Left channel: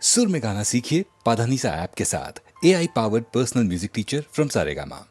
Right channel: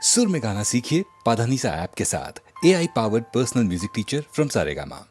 सुर में गाना सीखिए पाधानीसा ऐप के साथ। AI powered personal music teacher from Saregama.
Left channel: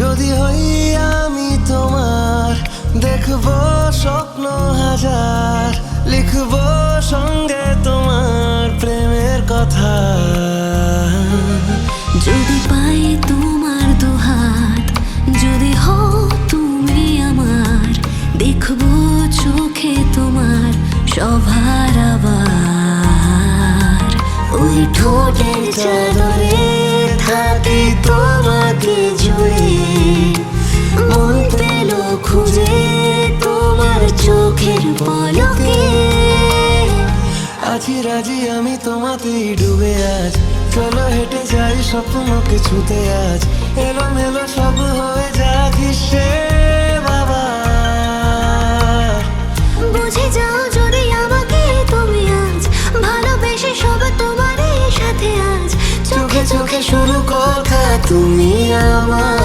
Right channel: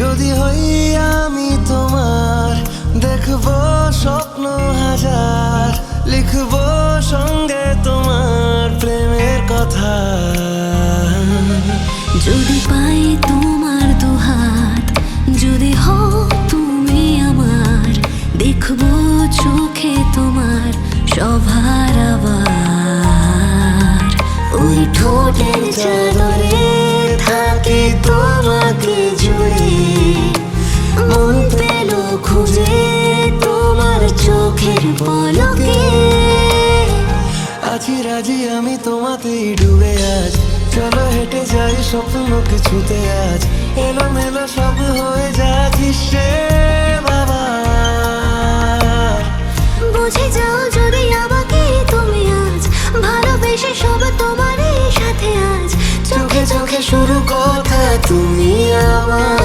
যদি হই আমি তোমার, দেখব স্বপ্ন হাজার, লিখব সঙ্গে তোমার প্রেমের কথা। যদি পাই তোমার দুহাত, যদি হও তুমি আমার, দেখব চোখে তোমার সভার আবার। ওই ঠোঁটের চাদরে থাকি তোমাকে জুড়ে, মন পেল খুঁজে তোমার চোখের পলকে। আছি রাজি আমি তোমাতেই ডুবে আজ, চলো হেঁটে যাই স্বপ্নকে ছুতে আজ। এলোমেলো সব হয়ে যাক হিসেব আবার। বুঝে যাও যদি আমাকে তুমি আজ, ভালোবেসে সব তোমারই সাথে আজ। চোখে চোখে শুরু কথা তুমি আমার।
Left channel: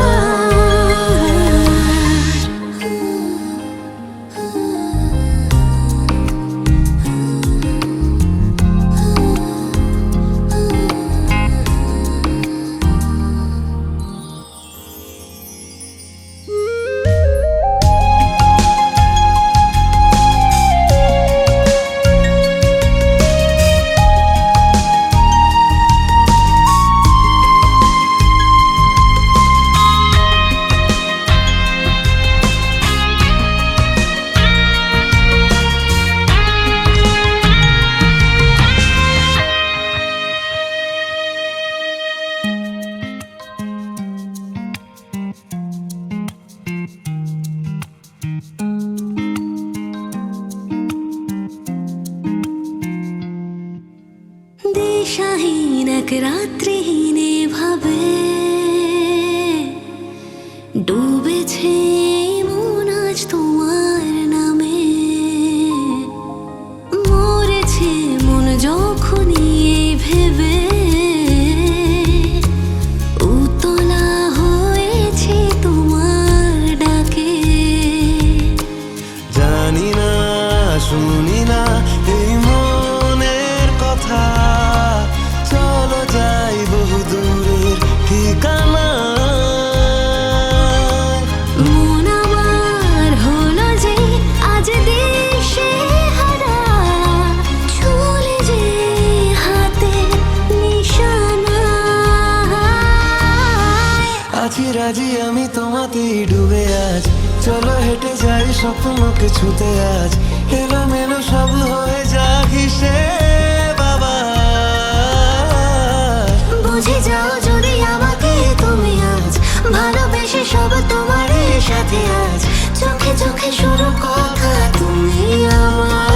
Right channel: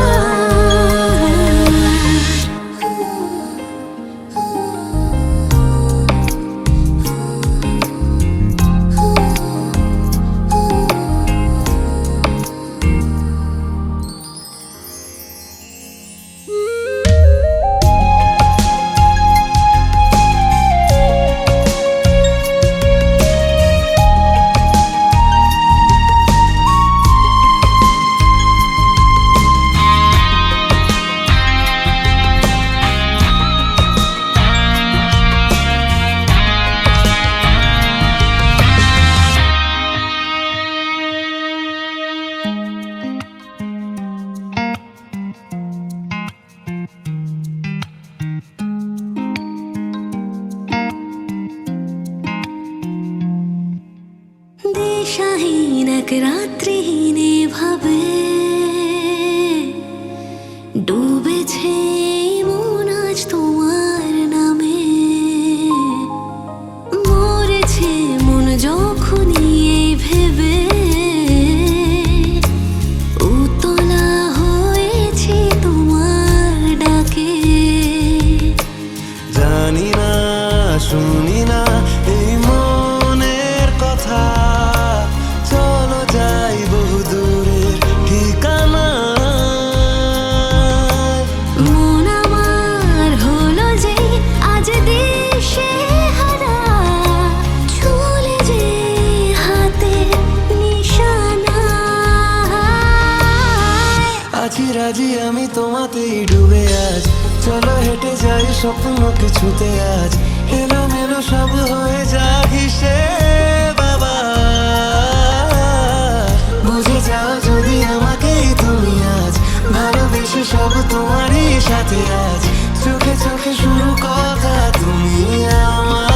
দিশাহীন এক রাত্রিহীনে ভাবে ডুবেছে মন আজ তোমার নামে। মরেছে মন যখনই এই ভেবে, উতলা হয়েছে তোমার ডাকে। জানি না শুনি না এই মনের কথা, চলো যাই বহু দূরের ঠিকানা। মন আমার হলো যে আজ দেশে হারা, চলে যে হাতে নিশানা। আছি রাজি আমি তোমাতেই ডুবে আজ, চলো হেঁটে যাই স্বপ্নকে ছুতে আজ। এলোমেলো সব হয়ে যাক হিসেব আবার। বুঝে যাও যদি আমাকে তুমি আজ, ভালোবেসে সব তোমারই সাথে আজ। চোখে চোখে শুরু কথা তুমি আমার।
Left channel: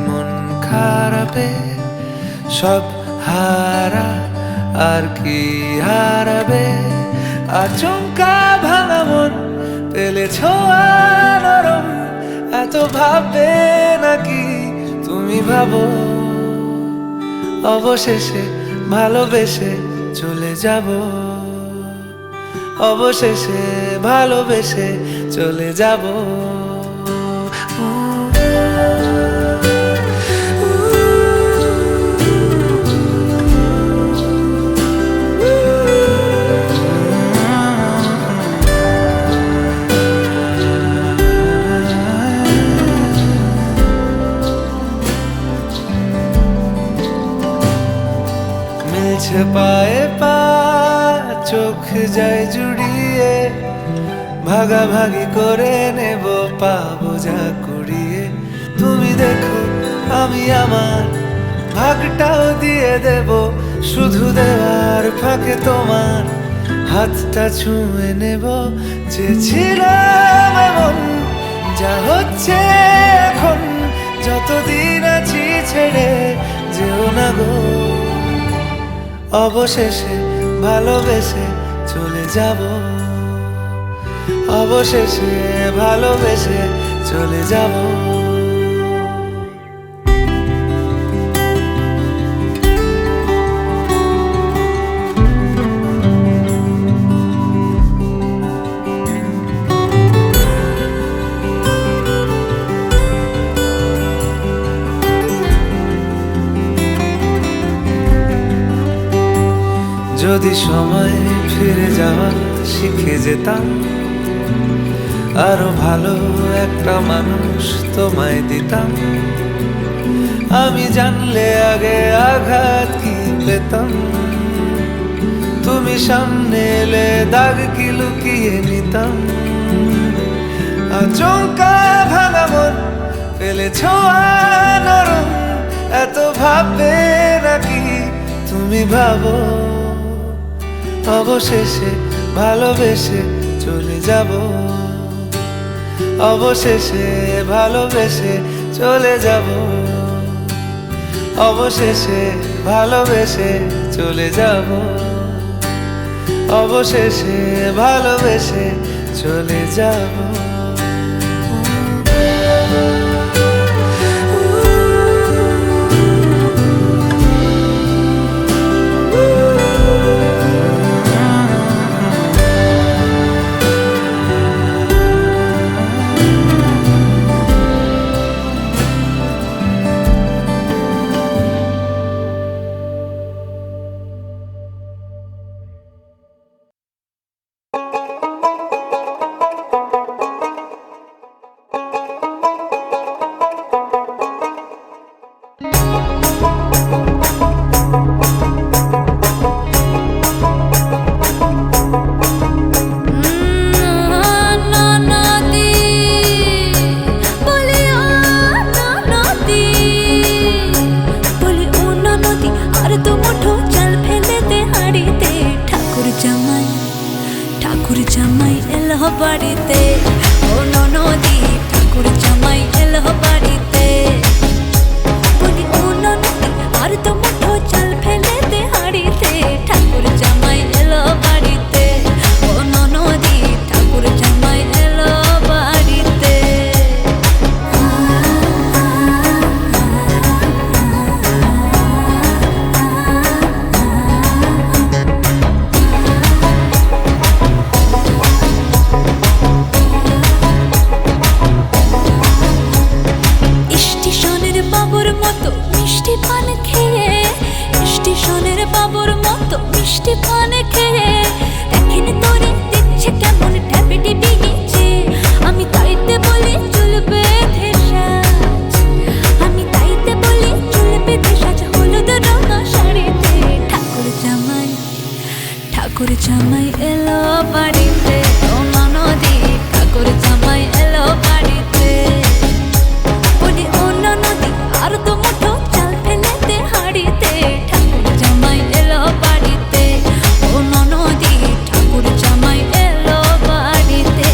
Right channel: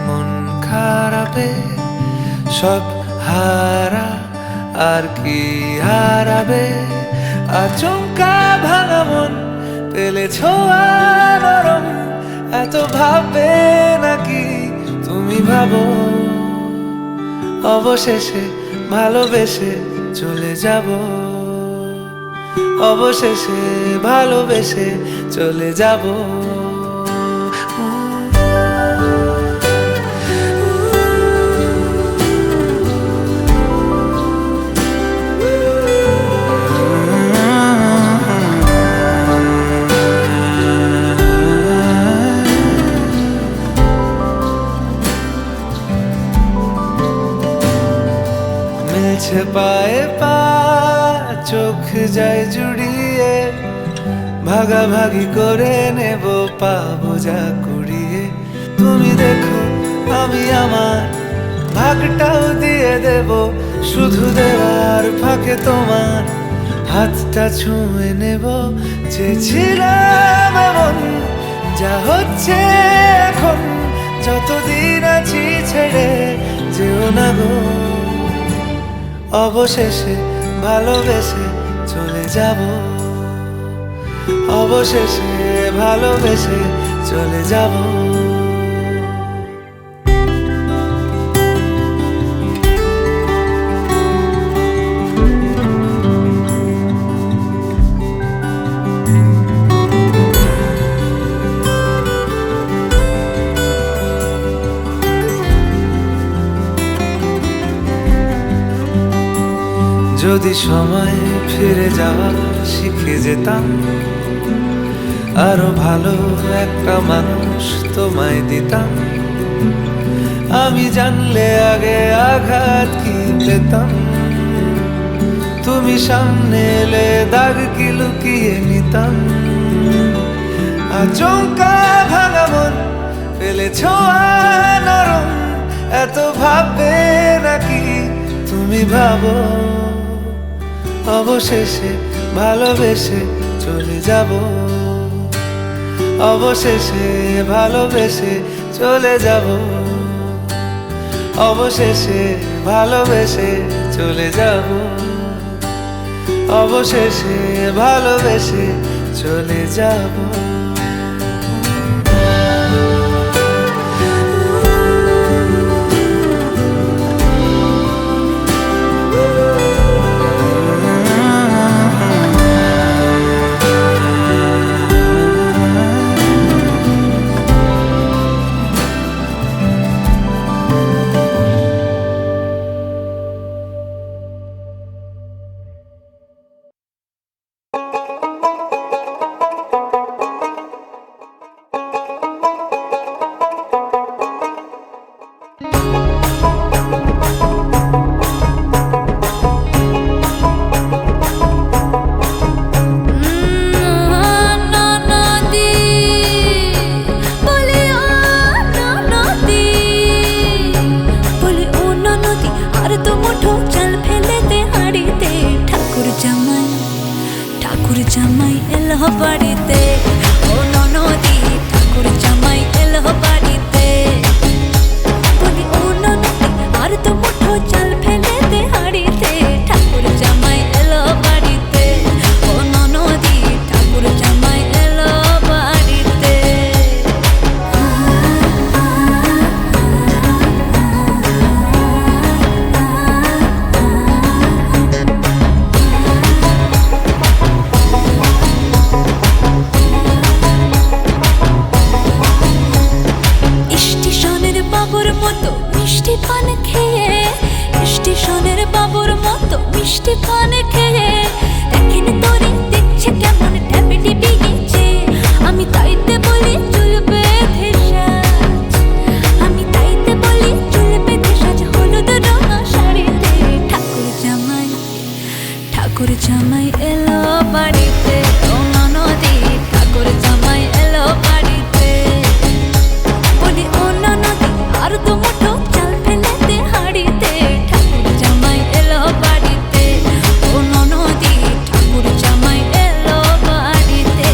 মন খারাপে সব হারা আর কি হারাবে আচমকা ভাঙা মন পেলে ছোঁয়া নরম এত ভাববে নাকি তুমি ভাবো অবশেষে ভালোবেসে চলে যাব অবশেষে ভালোবেসে চলে যাব মিলছে পায়ে পা চোখ যায় জুড়িয়ে ভাগাভাগি করে নেব পাবো যা কুড়িয়ে তুমি দেখো আমি আমার ভাগটাও দিয়ে দেব শুধু দেওয়ার ফাঁকে তোমার হাতটা ছুঁয়ে নেব চেয়েছিলাম এমন যা হচ্ছে এখন যতদিন আছি ছেড়ে যেও না গো অবশেষে ভালোবেসে চলে যাব অবশেষে ভালোবেসে চলে যাব যদি সময় ফিরে যাওয়া শিখে যেতাম আরো ভালো একটা মানুষ তোমায় দিতাম আমি জানলে আগে আঘাত কি পেতাম তুমি সামনে এলে দাগ কি লুকিয়ে নিতাম আচমকা ভাঙা মন পেলে ছোঁয়া নরম এত ভাববে নাকি তুমি ভাবো অবশেষে ভালোবেসে চলে যাব অবশেষে ভালোবেসে চলে যাব অবশেষে ভালোবেসে চলে যাব অবশেষে ভালোবেসে চলে যাব ঠাকুর জামাই এলো বাড়িতে ও ননদি ঠাকুর জামাই এলো বাড়িতে বলি ও ননদি আর তো মুঠো চাল ফেলে দে হাড়িতে ঠাকুর জামাই এলো বাড়িতে ও ননদি ঠাকুর জামাই এলো বাড়িতে মিষ্টি পান খেয়ে স্টেশনের বাবুর মতো মিষ্টি পান খেয়ে দেখেন তোরে দেখছে কেমন ট্যাপে টিপে গেছে আমি তাইতে বলি চুল বেঁধে সাজ আমি তাইতে বলি চুল বেঁধে সাজ হলুদ রঙা শাড়িতে ঠাকুর জামাই এলো বাড়িতে ও ননদি ঠাকুর জামাই এলো বাড়িতে বলি ও ননদি আর তো মুঠো চাল ফেলে দে হাড়িতে ঠাকুর জামাই এলো বাড়িতে ও ননদি ঠাকুর জামাই এলো বাড়িতে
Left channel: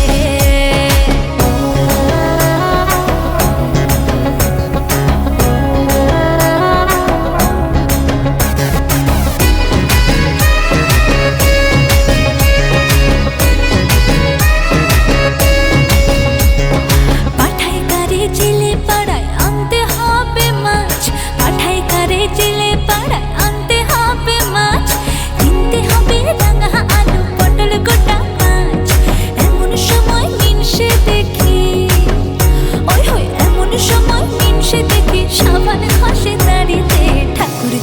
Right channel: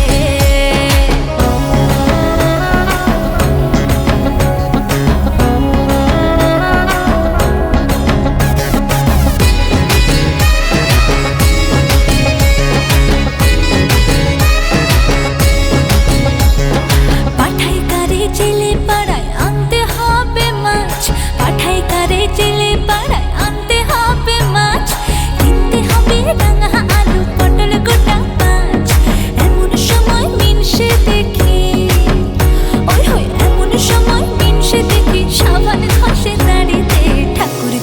দেখি সাবান ঘষে দাড়িতে। ঠাকুর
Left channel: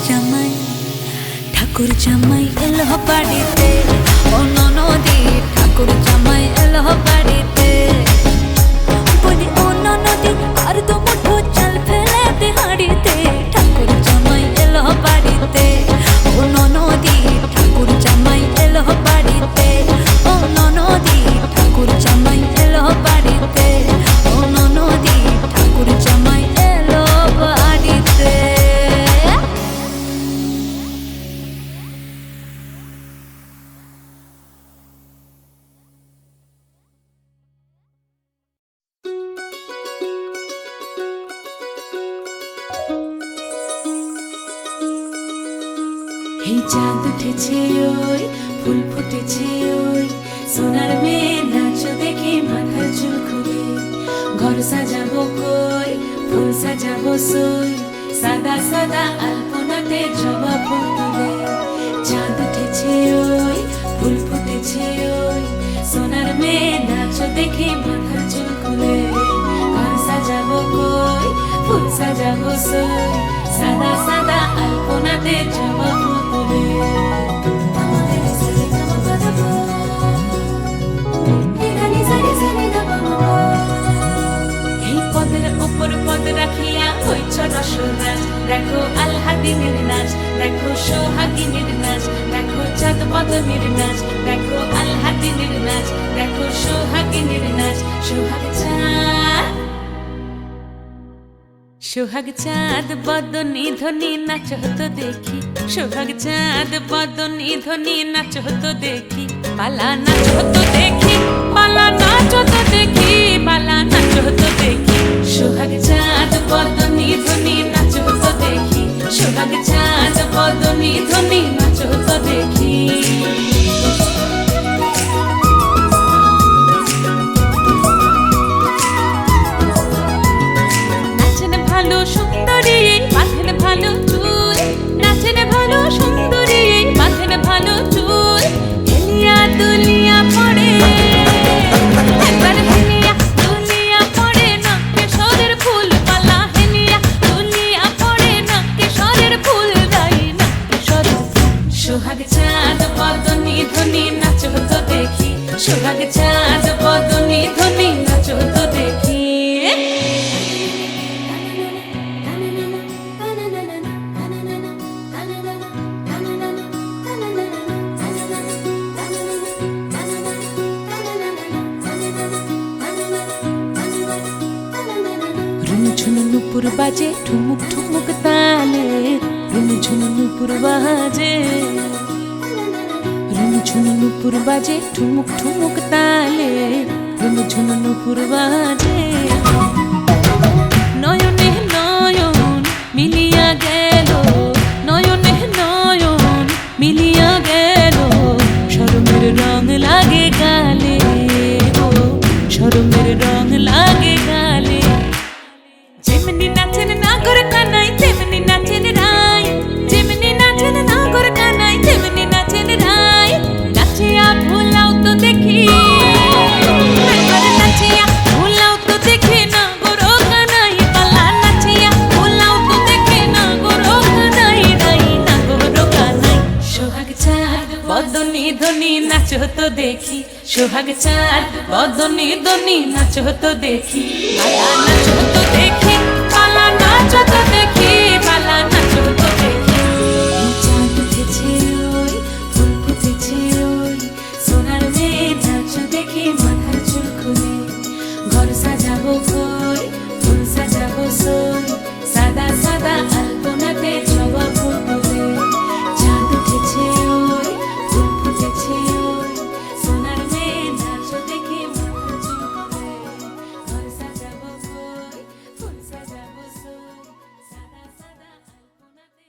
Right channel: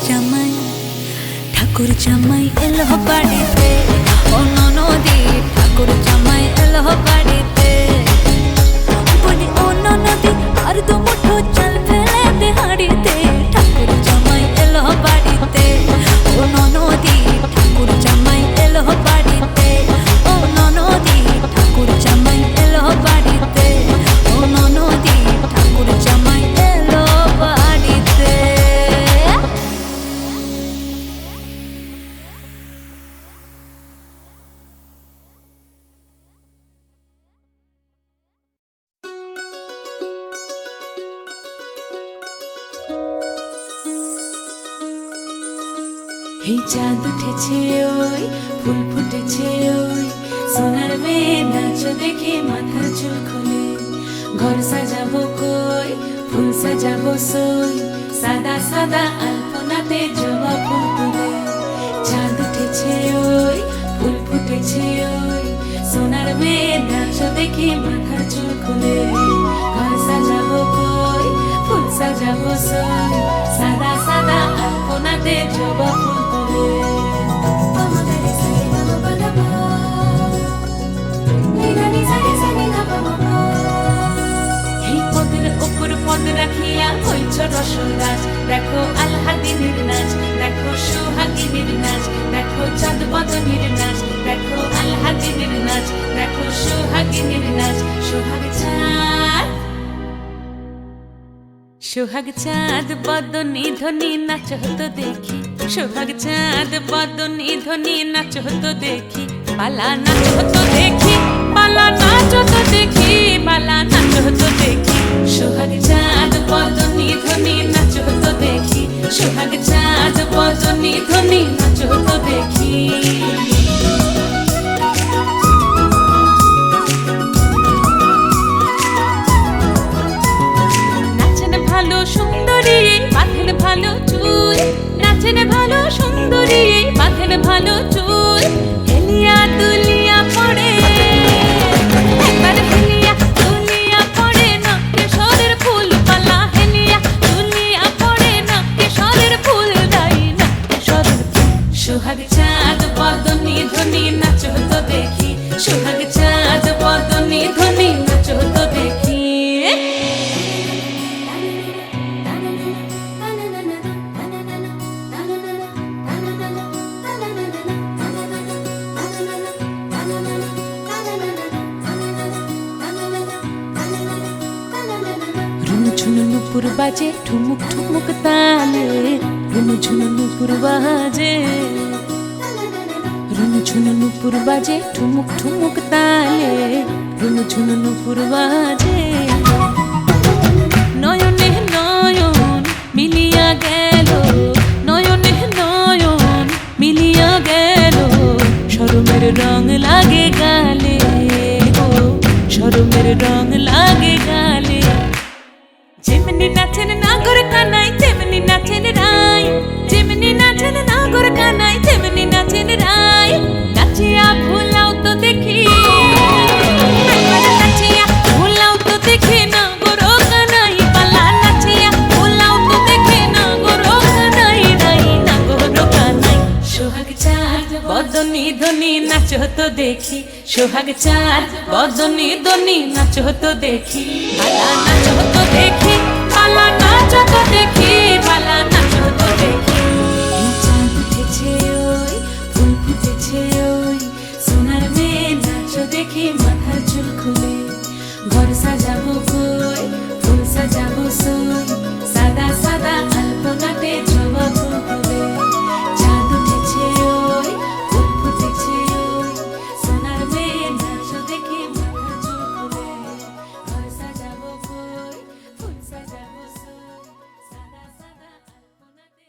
জামাই এলো বাড়িতে, ও ননদি ঠাকুর জামাই এলো বাড়িতে। বলি ও ননদি আর দু মুঠো চাল ফেলে দে হাঁড়িতে। ঠাকুর জামাই এলো বাড়িতে, ও ননদি ঠাকুর জামাই এলো বাড়িতে। ও ননদি ঠাকুর জামাই এলো বাড়িতে। ও ননদি ঠাকুর জামাই এলো বাড়িতে। এই চাঁদ উঠেছে ওই, ফুল ফুটেছে ওই, সোনার মেয়ে নাচো দেখে মাথার চুল খুলে। ঘর সাজাবো কই, ফুল সাজাবো সই, সাদা সাদা আলপনাতে জবা ফুল তুলে। চাঁদ উঠেছে ওই, ফুল ফুটেছে ওই, সোনার মেয়ে নাচো দেখে মাথার চুল খুলে। ঘর সাজাবো কই, ফুল সাজাবো সই, সাদা সাদা আলপনাতে জবা ফুল তুলে। এই পদের উপর পদ রাখিয়া হইছ রসরাজ। দেখো আলহাদিনের নাচ, দেখো সোহাগিনীর নাচ, দেখো চাঁদ বদনের নাচ, দেখো আলহাদিনের নাচ, দেখো সোহাগিনীর নাচ। সোহাগ চাঁদ বদনী ধ্বনি নাচ হতো দেখি। সোহাগ চাঁদ বদনী ধ্বনি নাচ হতো দেখি। পালা নাচ হতো দেখি, পালা নাচ হতো দেখি, পালা নাচ হতো দেখি। সোহাগ চাঁদ বদনী ধ্বনি নাচ হতো দেখি। সোহাগ চাঁদ বদনী ধ্বনি নাচ হতো দেখি। ভালো সুন্দরী বাঁধেন ভালো চুল, নাচেন ভালো সুন্দরী বাঁধেন ভালো চুল। হেলিয়া দুলিয়া পড়ে, একবার হেলিয়া দুলিয়া পড়ে না কেশরের ফুল পালা। হেলিয়া দুলিয়া পড়ে না কেশরের ফুল দাই না কেশরের ফুল। সোহাগ চাঁদ বদনী ধ্বনি নাচ হতো দেখি। সোহাগ চাঁদ বদনী ধ্বনি নাচ হতো দেখি। রুনু ঝুনু নুপুর বাজে ঠুমুক ঠুমুক তালে। রুনু ঝুনু নুপুর বাজে, রুনু ঝুনু নুপুর বাজে ঠুমুক ঠুমুক তালে। রুনু ঝুনু নুপুর বাজে। নয়নে নয়ন মিলিয়া গেল, নয়নে নয়ন মিলিয়া গেল। শরমের রং লাগে গালে গো, শরমের রং লাগে গালে। যেমনি নাচেন নাগর কানাই তেমনি নাচেন রাই, যেমনি নাচেন নাগর কানাই তেমনি নাচেন রাই। নাচিয়া ভোলাও তো দেখি, একবার নাচিয়া ভোলাও তো দেখি নাগর কানাই পালা। নাচিয়া ভোলাও তো দেখি নাগর কানাই রাই, নাগর কানাই। সোহাগ চাঁদ বদনী ধ্বনি নাচ হতো দেখি। সোহাগ চাঁদ বদনী ধ্বনি নাচ হতো দেখি। পালা নাচ হতো দেখি, পালা নাচ হতো দেখি, পালা নাচ হতো দেখি। এই চাঁদ উঠেছে ওই, ফুল ফুটেছে ওই, সোনার মেয়ে নাচ দেখি মাথার চুল খুলে। ঘর সাজাবো কই, ফুল সাজাবো সই, সাদা সাদা আলপনাতে জবা ফুল তুলে। চাঁদ উঠেছে ওই, ফুল ফুটেছে ওই, সোনার মেয়ে নাচ দেখি মাথার চুল খুলে। ঘর সাজাবো কই, ফুল সাজাবো সই, সাদা সাদা আলপনাতে।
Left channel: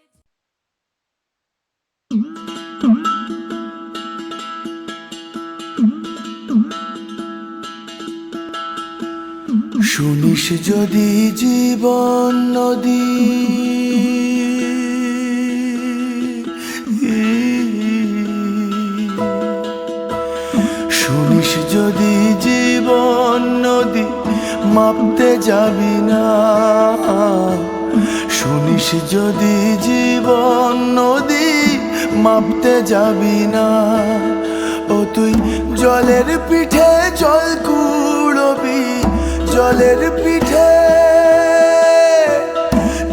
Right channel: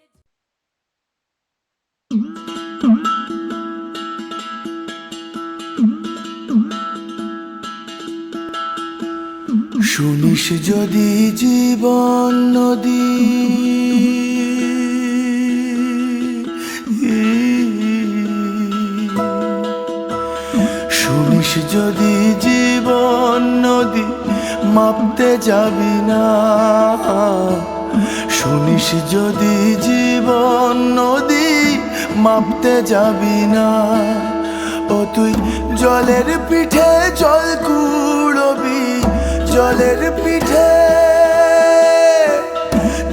শুনিস যদি জীবন নদী, শুনিস যদি জীবন নদী, মাপতে যাবি না শুনিস যদি জীবন নদী মাপতে যাবি না, ও তুই জলের পিঠে জল কুড়বি, জলের পিঠে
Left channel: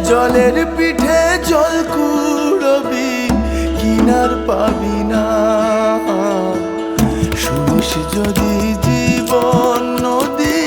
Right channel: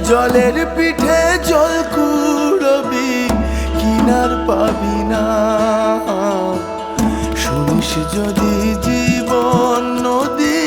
জলের পিঠে জল কুড়বি, কিনার পাবি না। শুনিস যদি জীবন নদী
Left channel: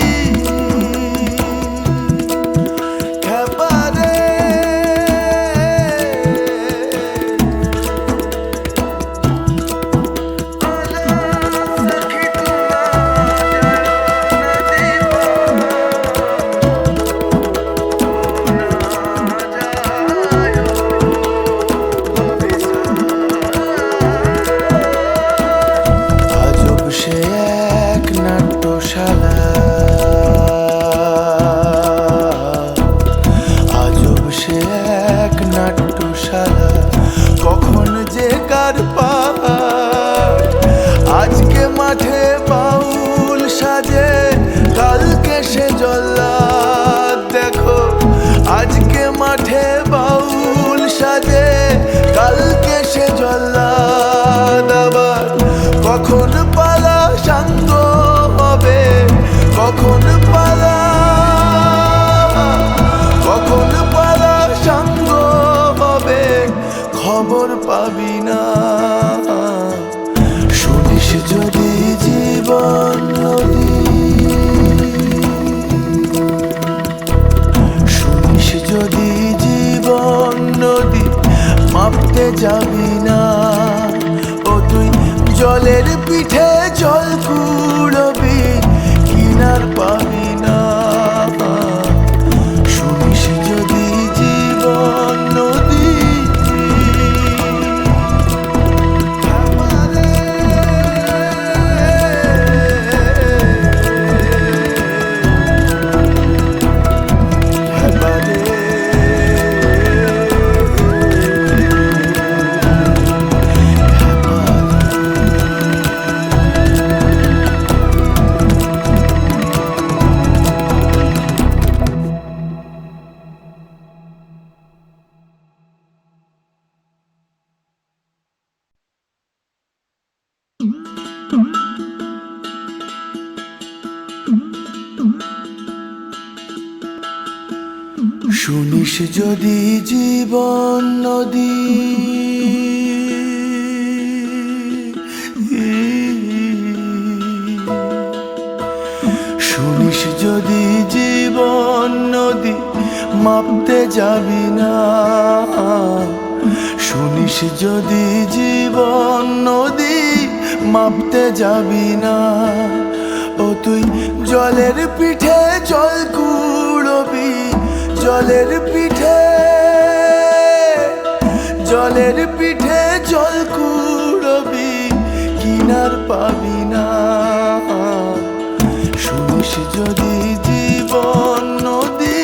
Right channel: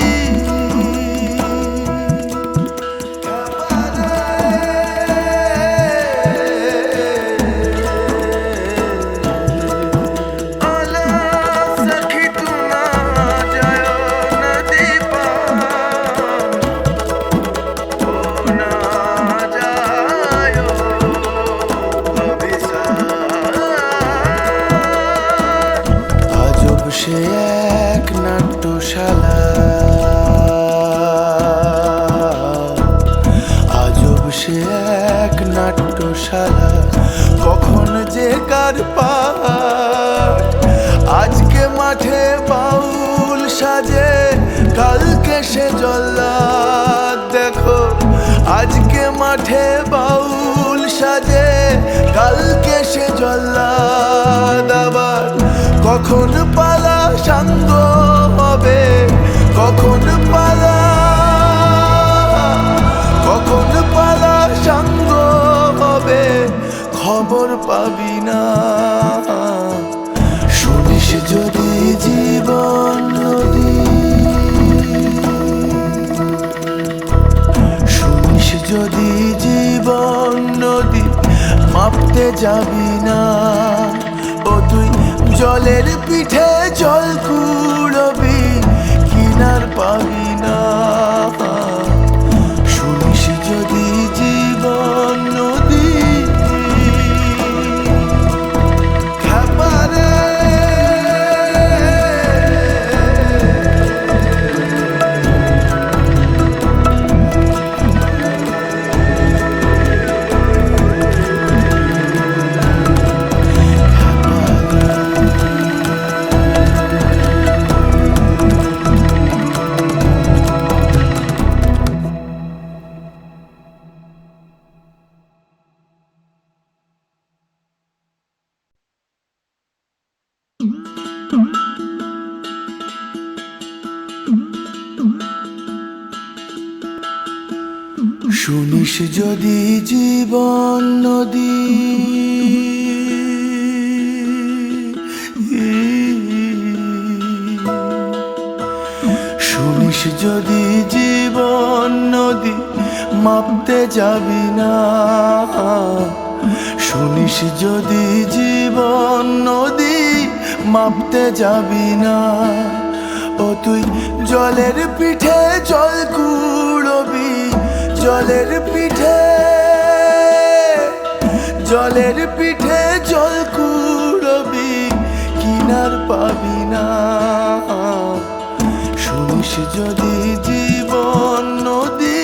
সে এক নাট্যশালা, আজব সে এক নাট্যশালা, কখন যে কার পার। আজকে মাঠে বাউল সাজে, কালকে সে জল্লাদ। দেখো আজকে মাঠে বাউল সাজে, কালকে সে জল্লাদ। আবার কখন পালা সাঙ্গ হবে, কখন পালা সাঙ্গ হবে, খবর পাবি না। শুনিস যদি জীবন নদী, শুনিস যদি জীবন নদী মাপতে যাবি না, ও তুই জলের পিঠে জল কুড়বি, কিনার পাবি না। শুনিস যদি জীবন নদী শুনিস যদি জীবন নদী, শুনিস যদি জীবন নদী মাপতে যাবি না, শুনিস যদি জীবন নদী মাপতে যাবি না, ও তুই জলের পিঠে জল কুড়বি, জলের পিঠে জলের পিঠে জল কুড়বি, কিনার পাবি না। শুনিস যদি জীবন নদী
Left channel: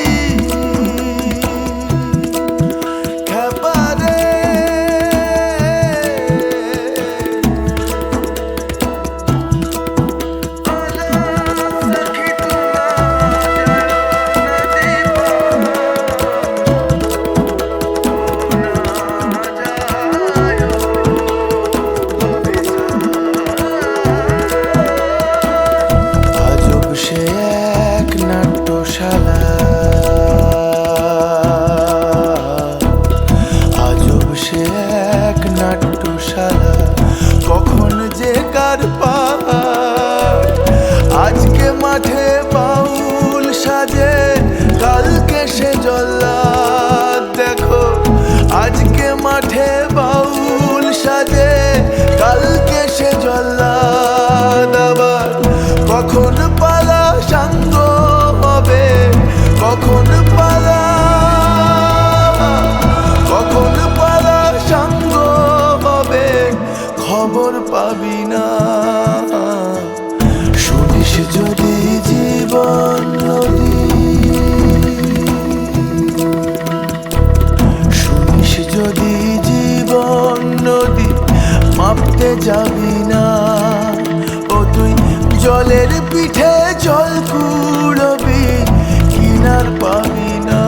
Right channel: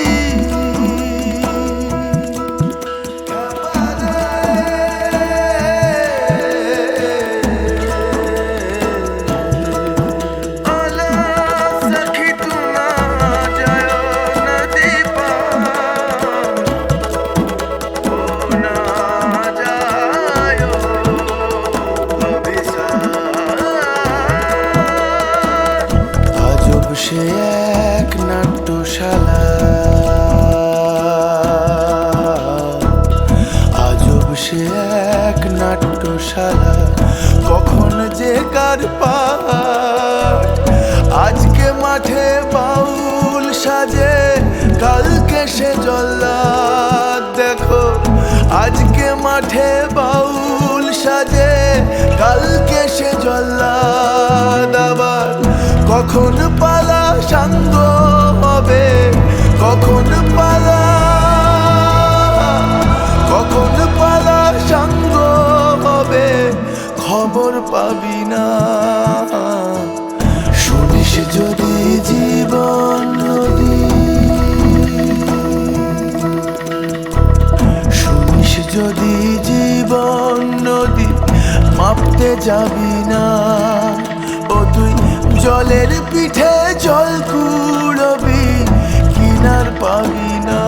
সে এক নাট্যশালা, আজব সে এক নাট্যশালা, কখন যে কার পার। আজকে মাঠে বাউল সাজে, কালকে সে জল্লাদ। দেখো আজকে মাঠে বাউল সাজে, কালকে সে জল্লাদ। আবার কখন পালা সাঙ্গ হবে, কখন পালা সাঙ্গ হবে, খবর পাবি না। শুনিস যদি জীবন নদী, শুনিস যদি জীবন নদী মাপতে যাবি না, ও তুই জলের পিঠে জল কুড়বি, কিনার পাবি না।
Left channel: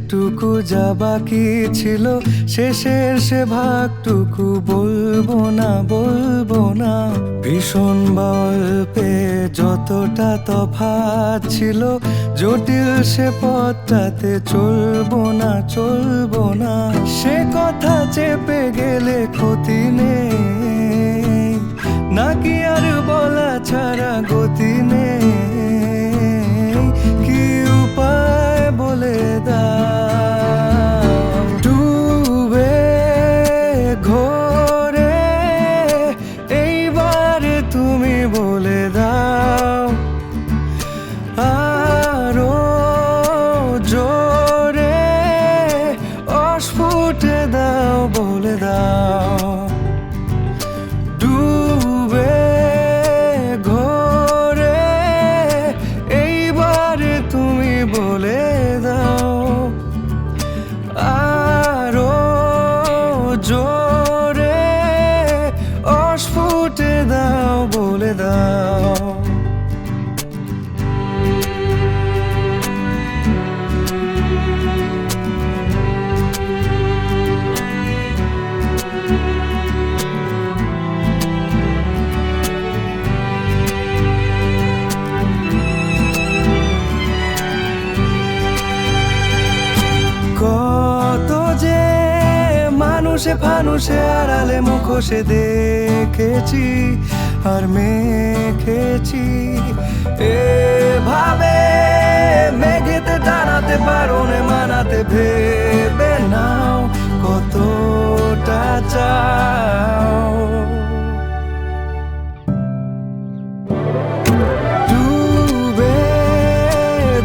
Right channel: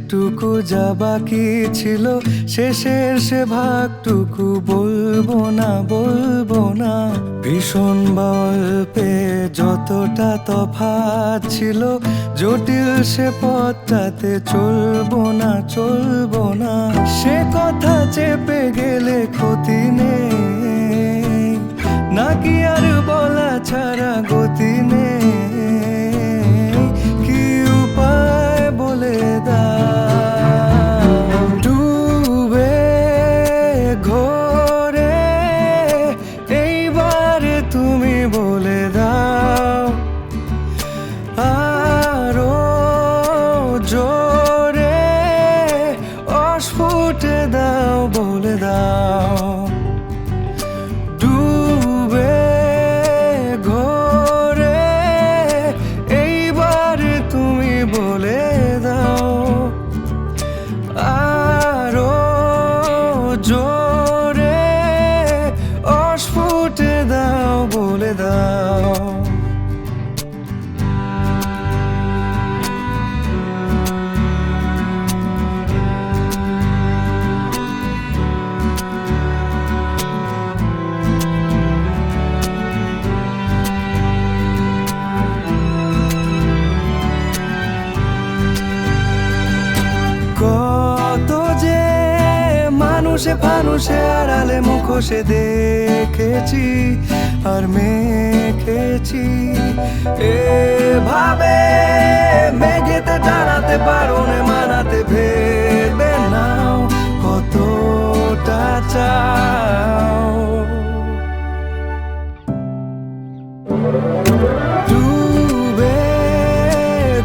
যেটুকু যা বাকি ছিল শেষের সে ভাগটুকু বলবো না ভীষণ গল্পে যতটা তফাৎ ছিল জটিল সে পথটাতে চলবো না সে কথা চেপে গেলে ক্ষতি নেই নাকি আর বলা ছাড়া গতি নেই কি উপায় বলে দাও ডুবে ঘোরে এইবার তুমি বলে দাও আরো জোরে অস্ফুটে দাও বলে দাও ডুবে ঘোরে এইবার তুমি বলে দাও আরো জোরে অস্ফুটে দাও বলে দাও কত যে মানুষে ফানুষে আড়ালে মুখোশে দেখেছি আর মেখেছি এভাবে মেঘেতে টানাতে বারণে মানাতে ভেবে নাও কতটা চাও ডুবে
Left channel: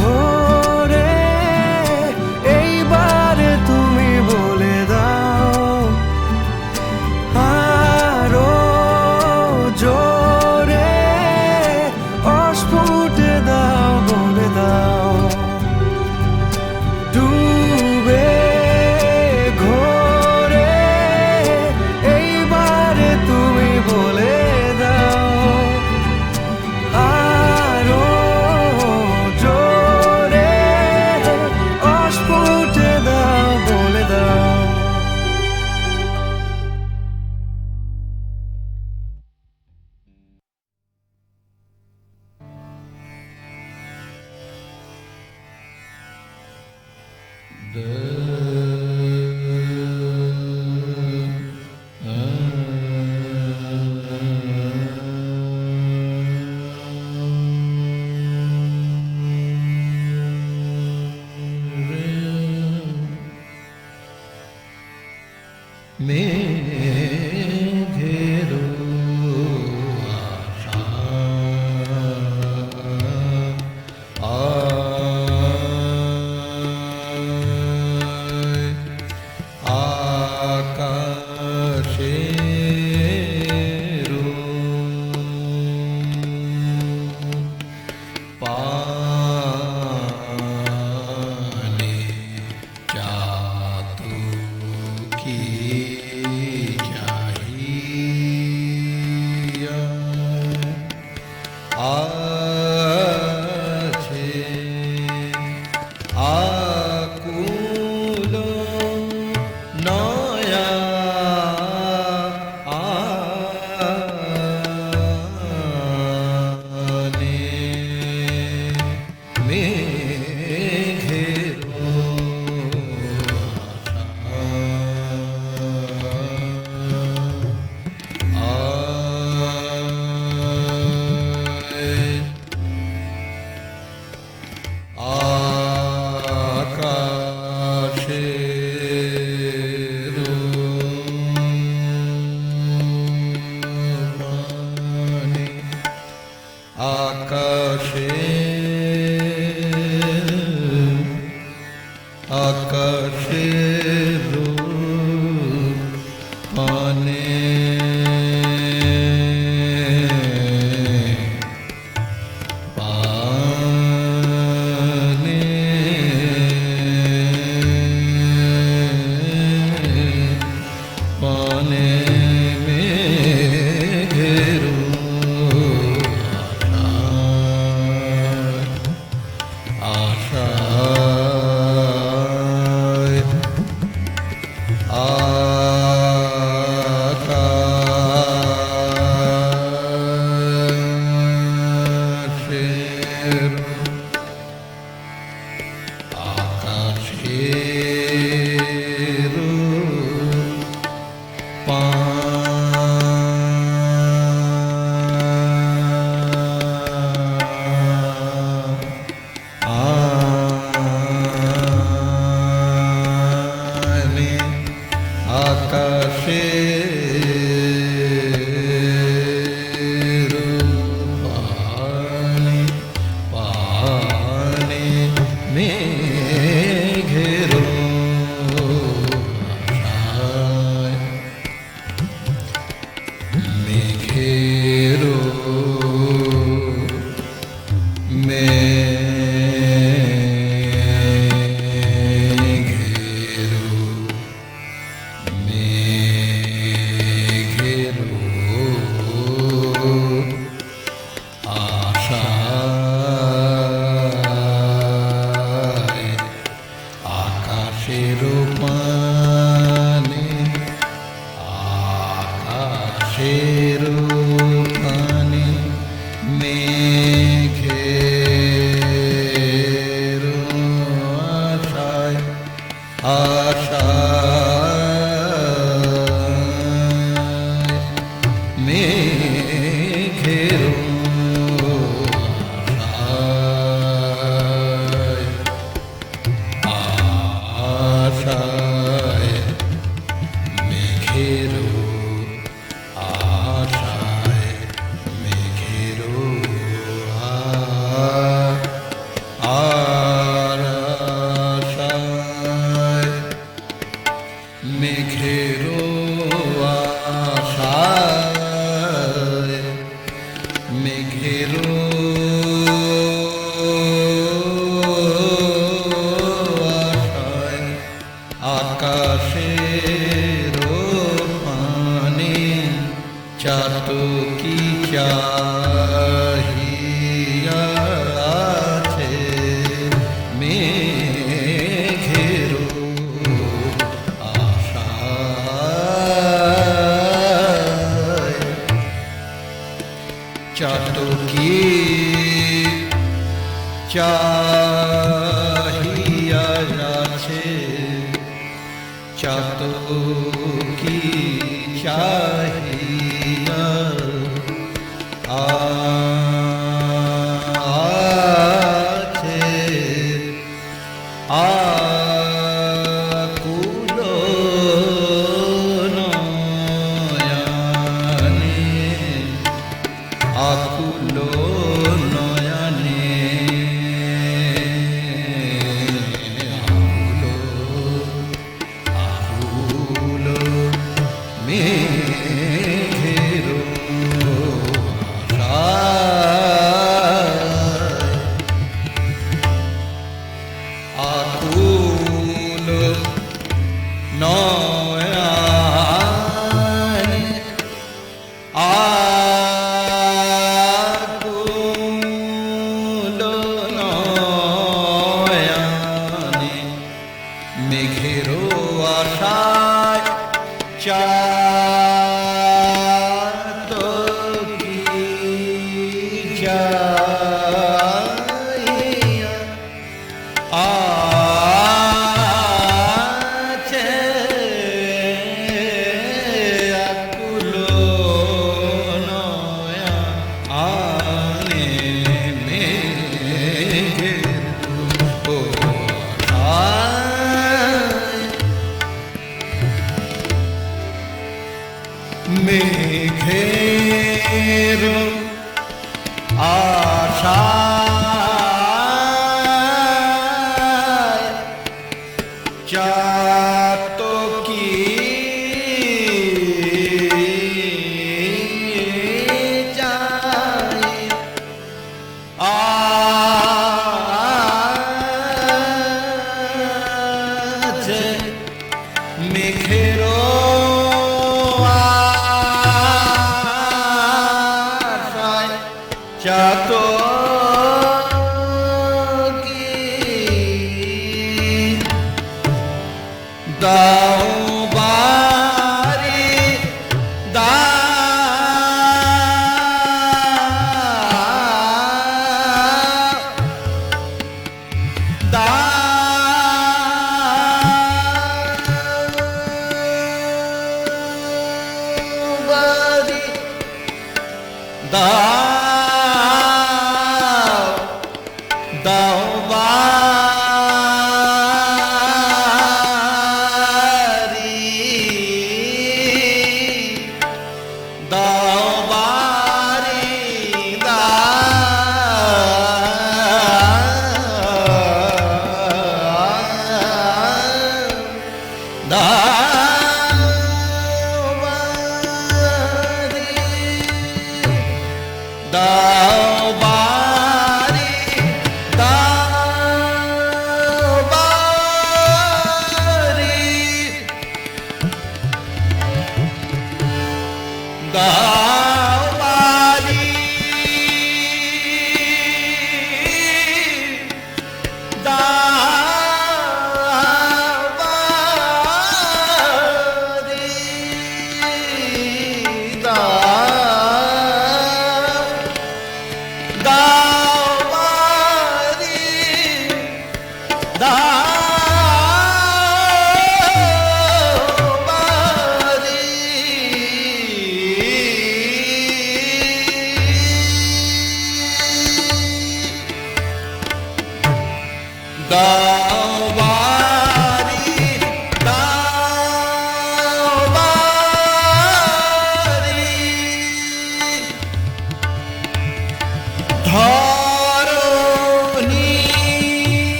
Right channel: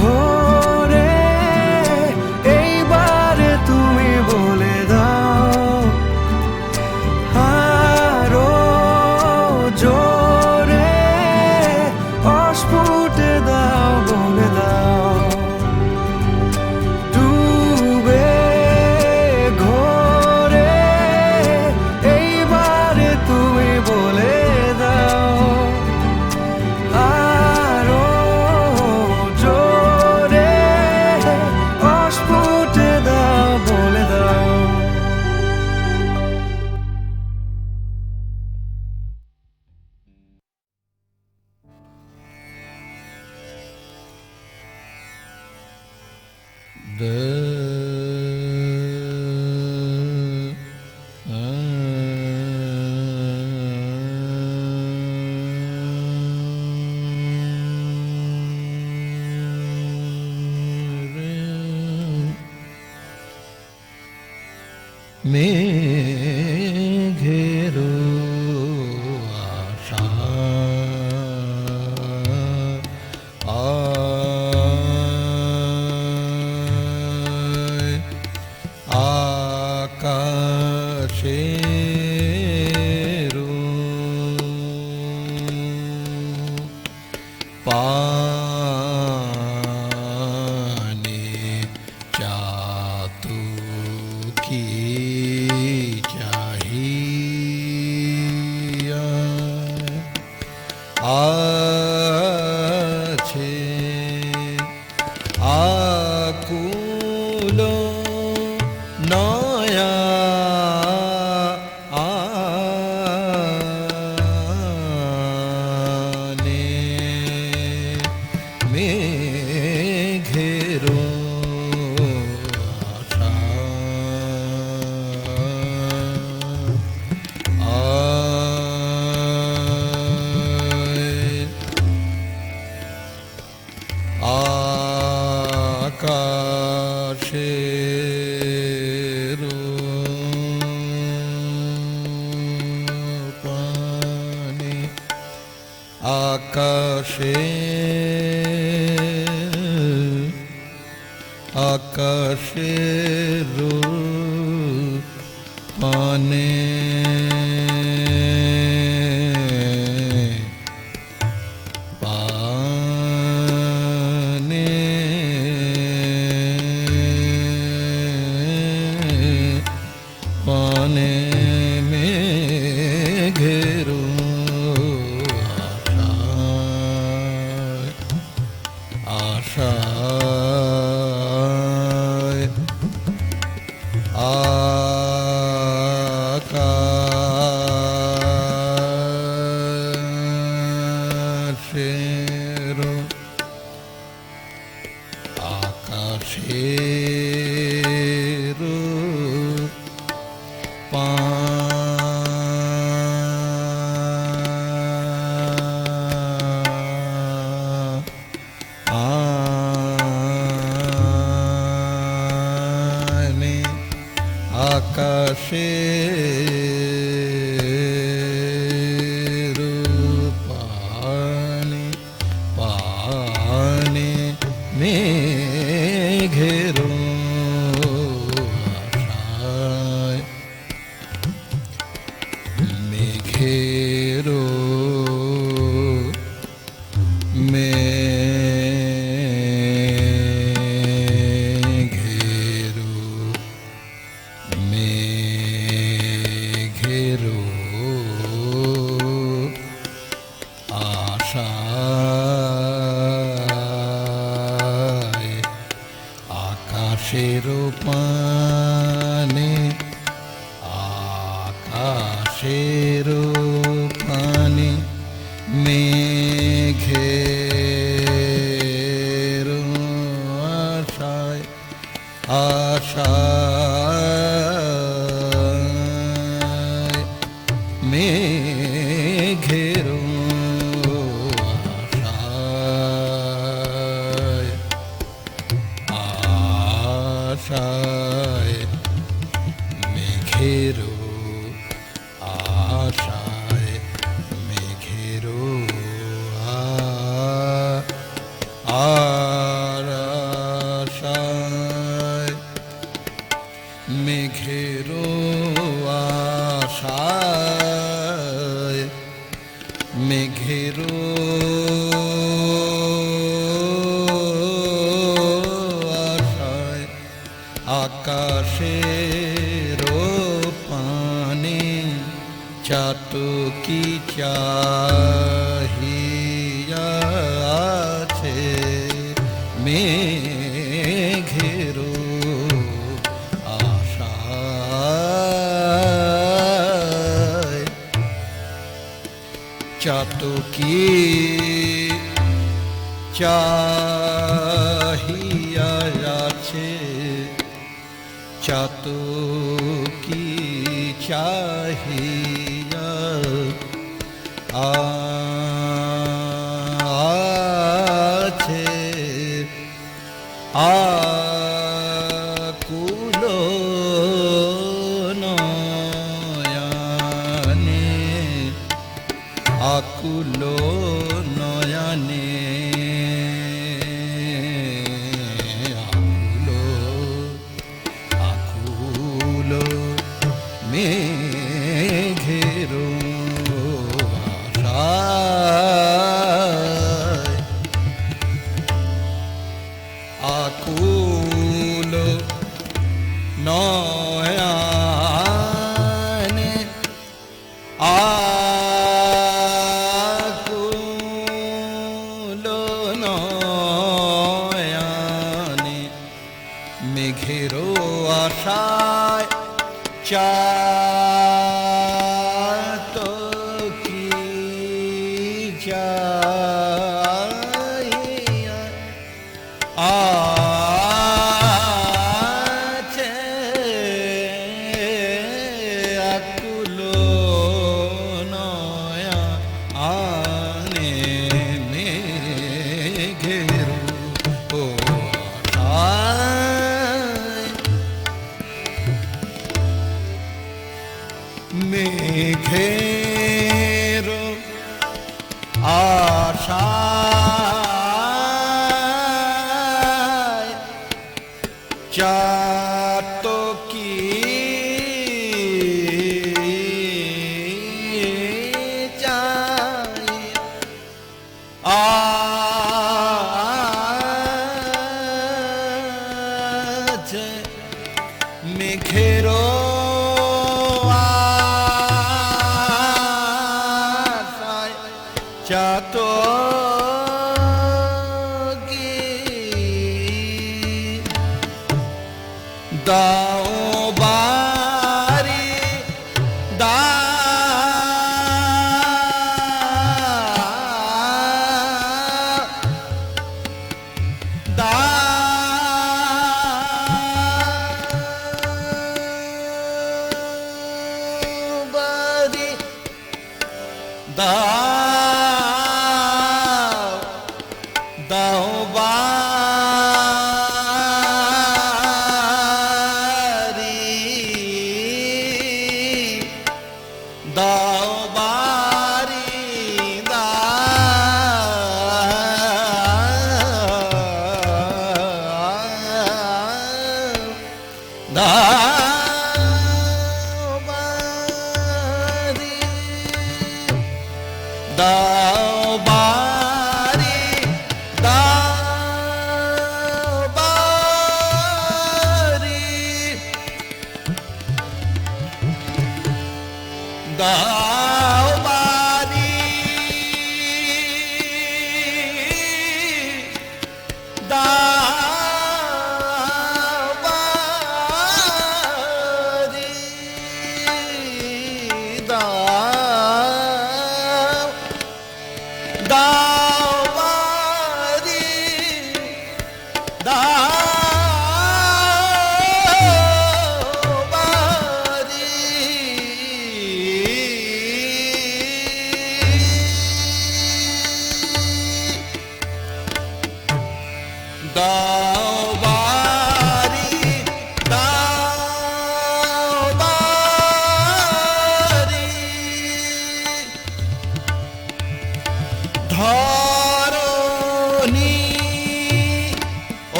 ঘোরে এইবার তুমি বলে দাও আরো জোরে অস্ফুটে দাও বলে দাও ডুবে ঘোরে এইবার তুমি বলে দাও আরো জোরে অস্ফুটে দাও বলে দাও की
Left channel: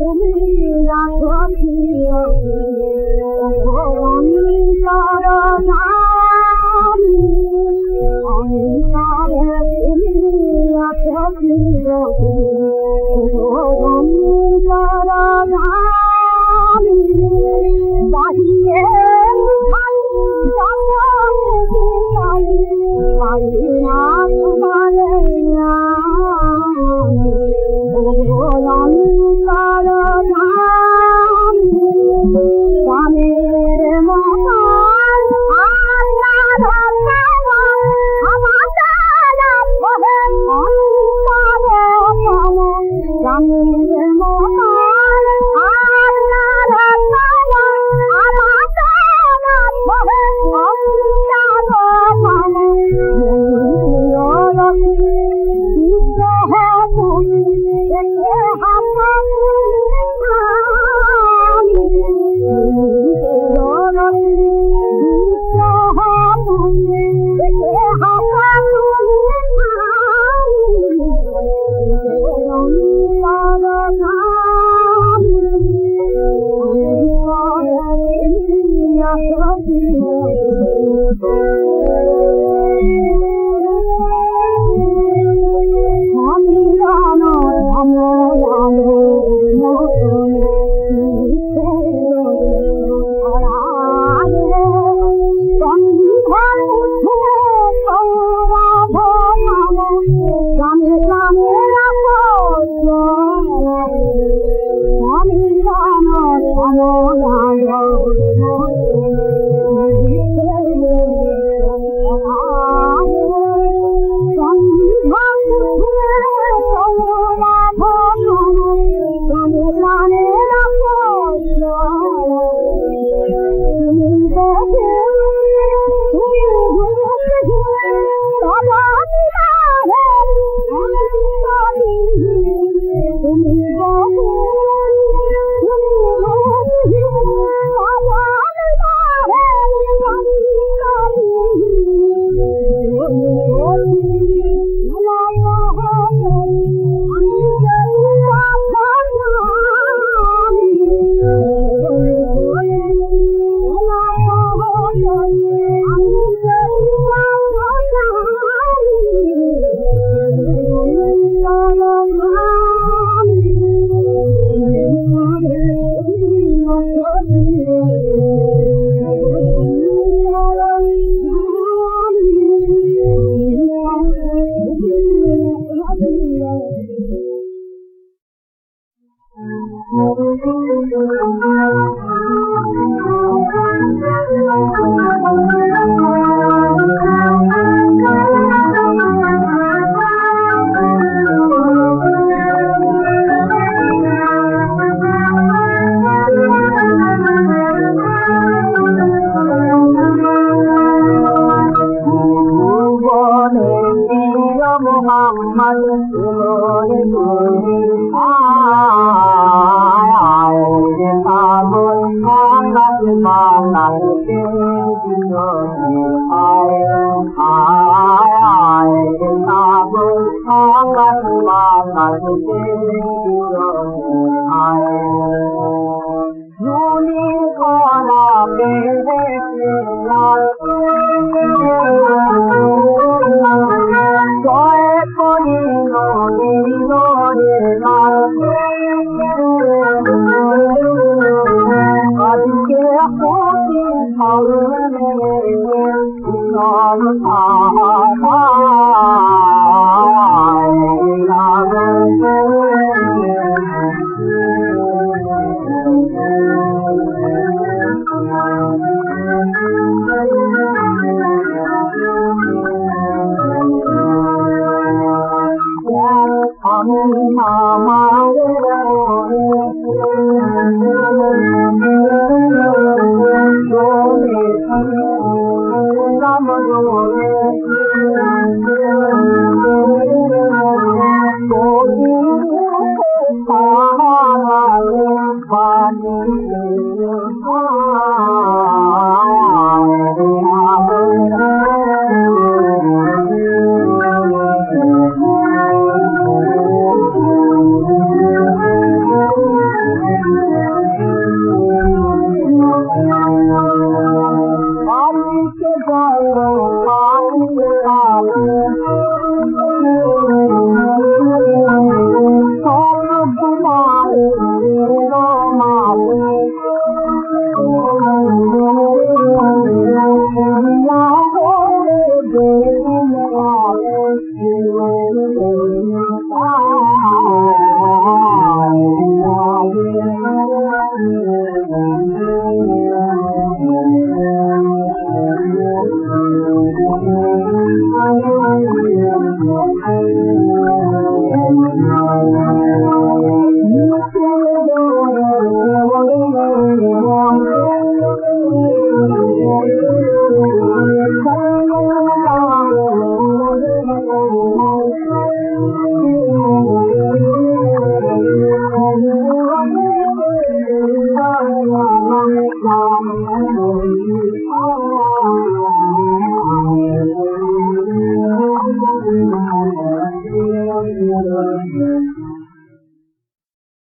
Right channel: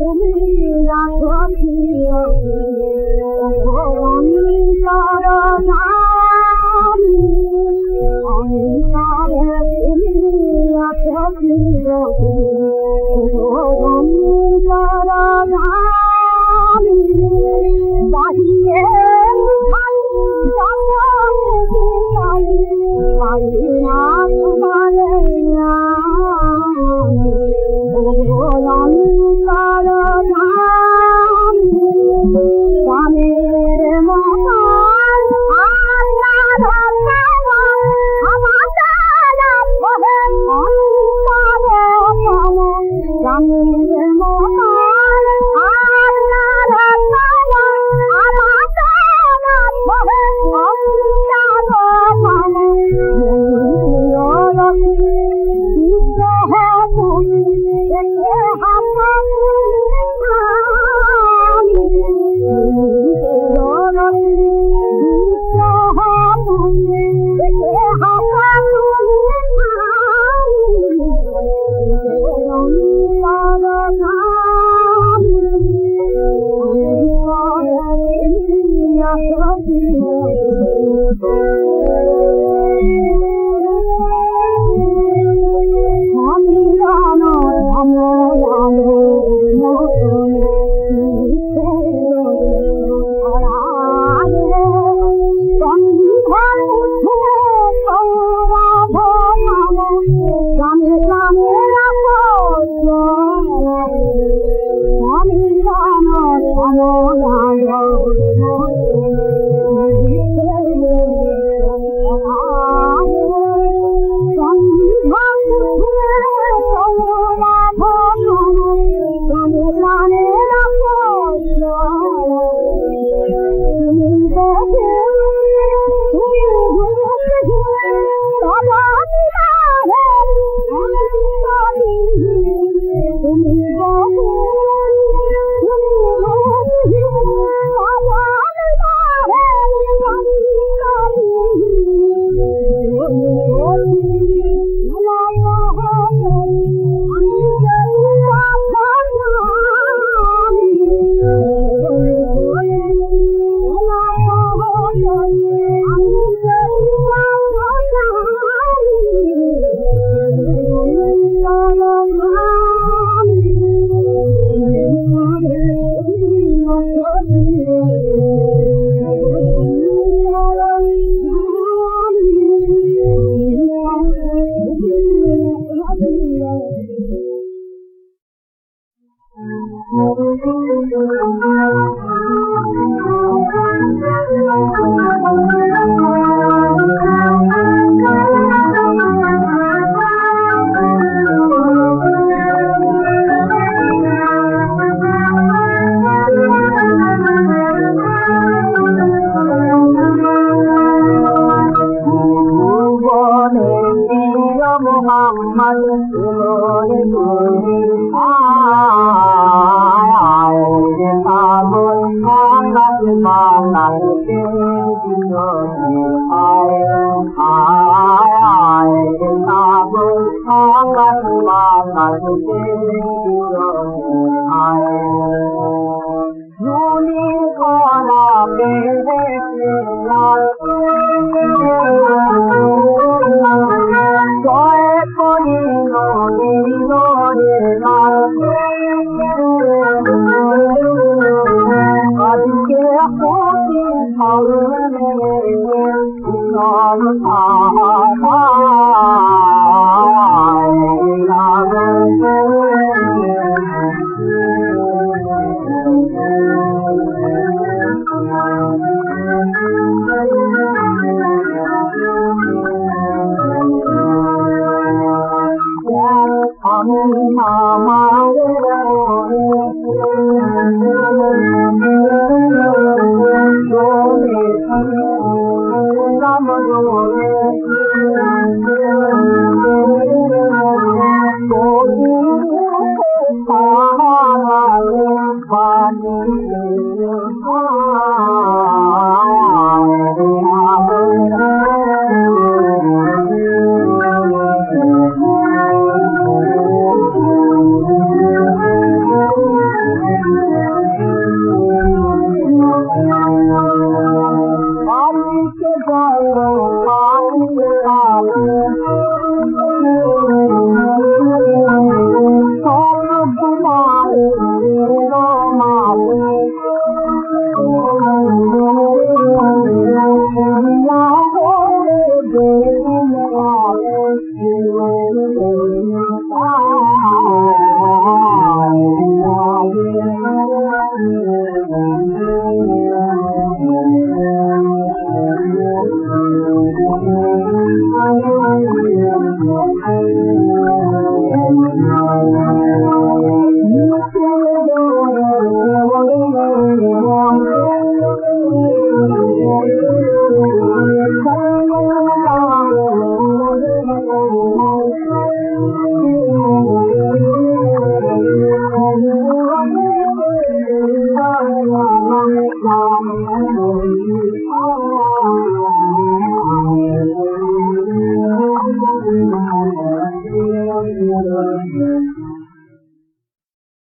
তুমি Thank you.